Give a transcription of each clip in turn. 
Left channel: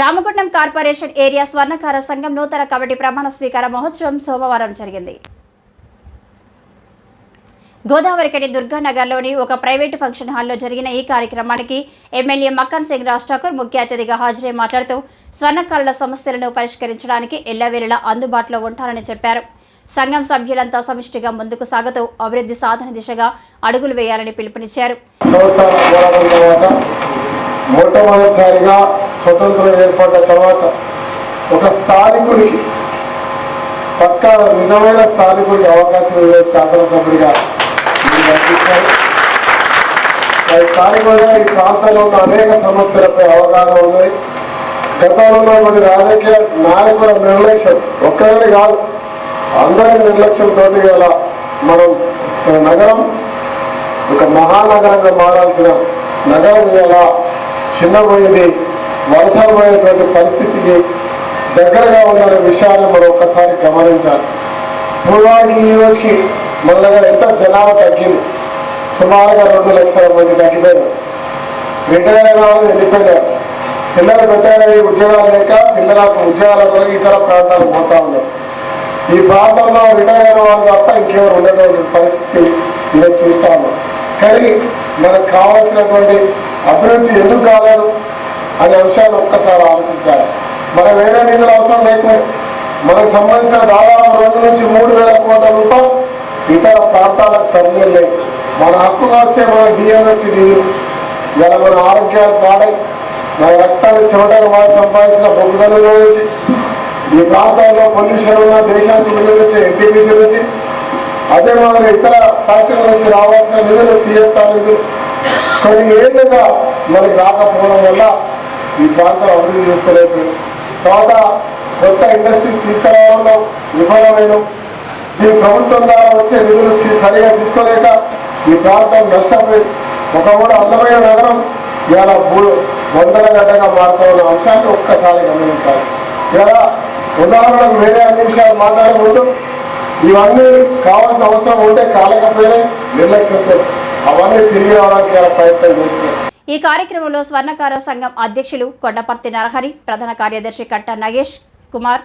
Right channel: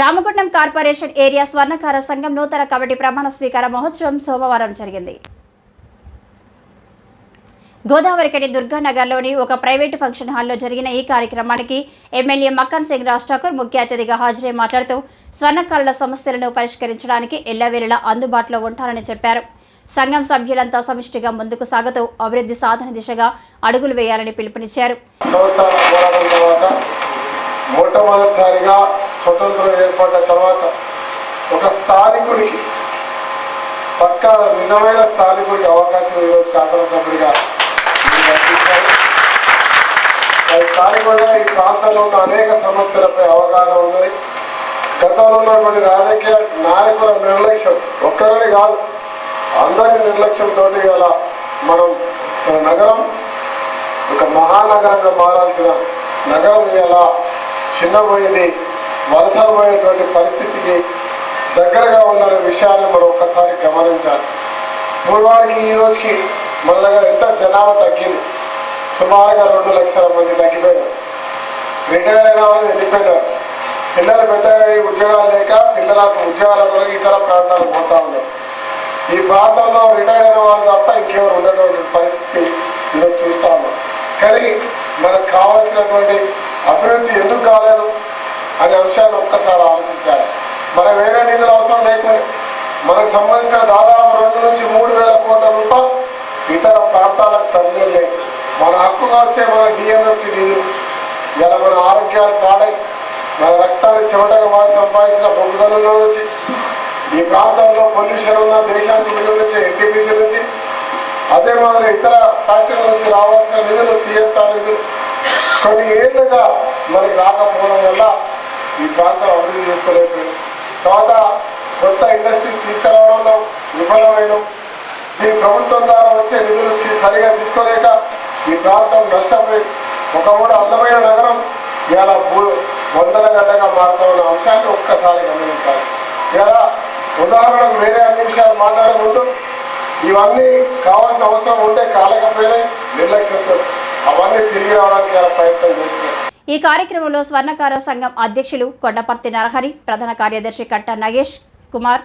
Ramagundam corporation area స్వర్ణకార సంఘం నూతన committee ప్రమాణ స్వీకార మహోత్సవం సోమవారం జరిగింది. గోదావరికని దుర్గానగర్లోని ఒక ప్రైవేటు ఫంక్షన్ హాల్లో జరిగిన ఈ కార్యక్రమానికి ఎమ్మెల్యే మక్కన్ సింగ్ రాజ్ ఠాకూర్ ముఖ్య అతిథిగా హాజరై మాట్లాడుతూ స్వర్ణకారుల సమస్యలను పరిష్కరించడానికి ఎల్లవేళలా అందుబాటులో ఉంటారని చెప్పారు. సంఘం సభ్యులంతా సమిష్టిగా ముందుకు సాగుతూ అభివృద్ధి సాధన దిశగా అడుగులు వేయాలని పిలుపునిచ్చారు. తర్వాత స్వతంత్రం ఏర్పడ్డ తర్వాత ఒక స్థానికుడికి పక్క నిజమైన స్థానికుడికి అవకాశం ఇవ్వే శాసనసభ్యుడిగా మీరు స్థానికుడిగా ఈ ప్రాంతంలో ఉన్న అనేక సమస్యలపై అవగాహన ఉంది. గతంలో ఉన్నటువంటి రాజకీయ నాయకుల నిర్లక్ష్యం ఒక్కరిని కాదు అందరి నిర్లక్ష్యంతో ఇలా మనం మన నగరం ఒక మహానగరంగా మారాల్సిన నగరం ఇలా చిన్నపోయింది వలసపోయేటువంటి పరిస్థితికి దగ్గరగా ఉన్న విషయాన్ని మరొకసారి గమనించాలి. పూర్వానికి ఈ రోజుకి మన దగ్గర ఎంత జనాభా తగ్గింది? సుమారుగా రెండు లక్షల మంది తగ్గిపోయారు. రిటైర్ అయిన వాళ్ళు వెళ్ళిపోయారు పిల్లలు పెట్టాలి ఉద్యోగాలు లేక పిల్లలకు ఉద్యోగాల కొరకు ఇతర ప్రాంతాలకు పోతా ఉన్నారు ఈ ప్రాంతంలో రిటైర్ అయిన వాళ్ళు తప్ప ఇంకెవరు ఉండేటువంటి పరిస్థితి నేను చూస్తాను కానీ మనకు కావాల్సినటువంటి అభివృద్ధి ఎందుకు కాలేదు? అనే అంశాలు ఒక్కసారి ఆలోచించాలి. మన వేరే నిధులు అవసరం లేకపోయి మనకు సంబంధించిన దాదాపు రెండు నుంచి మూడు వేల కోట్ల రూపాయలు ఇతర ప్రాంతాలకు తరలిలే మన హక్కుగా వచ్చే మన డిఎంఎఫ్టి నిధులు ఇలా మన ఆరోగ్యాలు పాడై మన రక్తాన్ని చెమటగా వాళ్ళు సంపాదించిన బొగ్గుదలలో నుంచి ఈ ప్రాంతాల్లో పొల్యూషన్ ఉన్న దేశానికి నిధులు వచ్చి ఎన్టీపీసీ నుంచి అదే మాదిరి ఇతర ఫ్యాక్టరీల నుంచి రావాల్సిన నిధులు సిఎస్ఆర్ నిధులు. కొన్ని ఏళ్ళుగా మనకి రాకపోవడం వల్ల ఈ ప్రాంతం అభివృద్ధి చేసుకోలేదు. తర్వాత కొత్త ఇండస్ట్రీస్ తీసుకురావడంలో విఫలమైన ఈ ప్రభుత్వం ద్వారా వచ్చే నిధులు సరిగా తీసుకోలేక ఈ ప్రాంతం నష్టపోయి ఒక కూడా అందమైన నగరం ఇలా భూ వందల గడ్డగా మారుతున్న అంశాన్ని ఒక్కసారి గమనించాలి. ఇలా ఉదాహరణకు వేరే అన్ని విషయాలు మాట్లాడకూడదు. ఇవన్నీ కావాల్సిన అవసరం ఉంటే కాలేకపోయినాయి నిర్లక్ష్యంతో అవన్నీ తిరిగి రావడానికి ప్రయత్నం చేస్తున్నాయి ఈ కార్యక్రమంలో స్వర్ణకార సంఘం అధ్యక్షులు కొండపర్తి నరహరి ప్రధాన కార్యదర్శి కట్ట నగేష్ కుమార్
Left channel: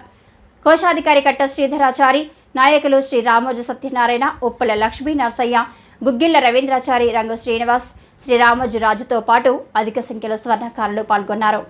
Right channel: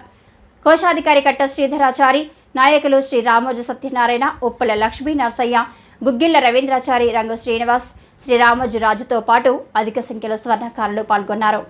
కోశాధికారి కట్ట శ్రీధరాచారి నాయకులు శ్రీ రామోజు సత్యనారాయణ ఉప్పల లక్ష్మీ నరసయ్య గుగ్గిళ్ళ రవీంద్రాచారి రంగు శ్రీనివాస్ శ్రీ రామోజు రాజుతో పాటు అధిక సంఖ్యలో స్వర్ణకారులు పాల్గొన్నారు.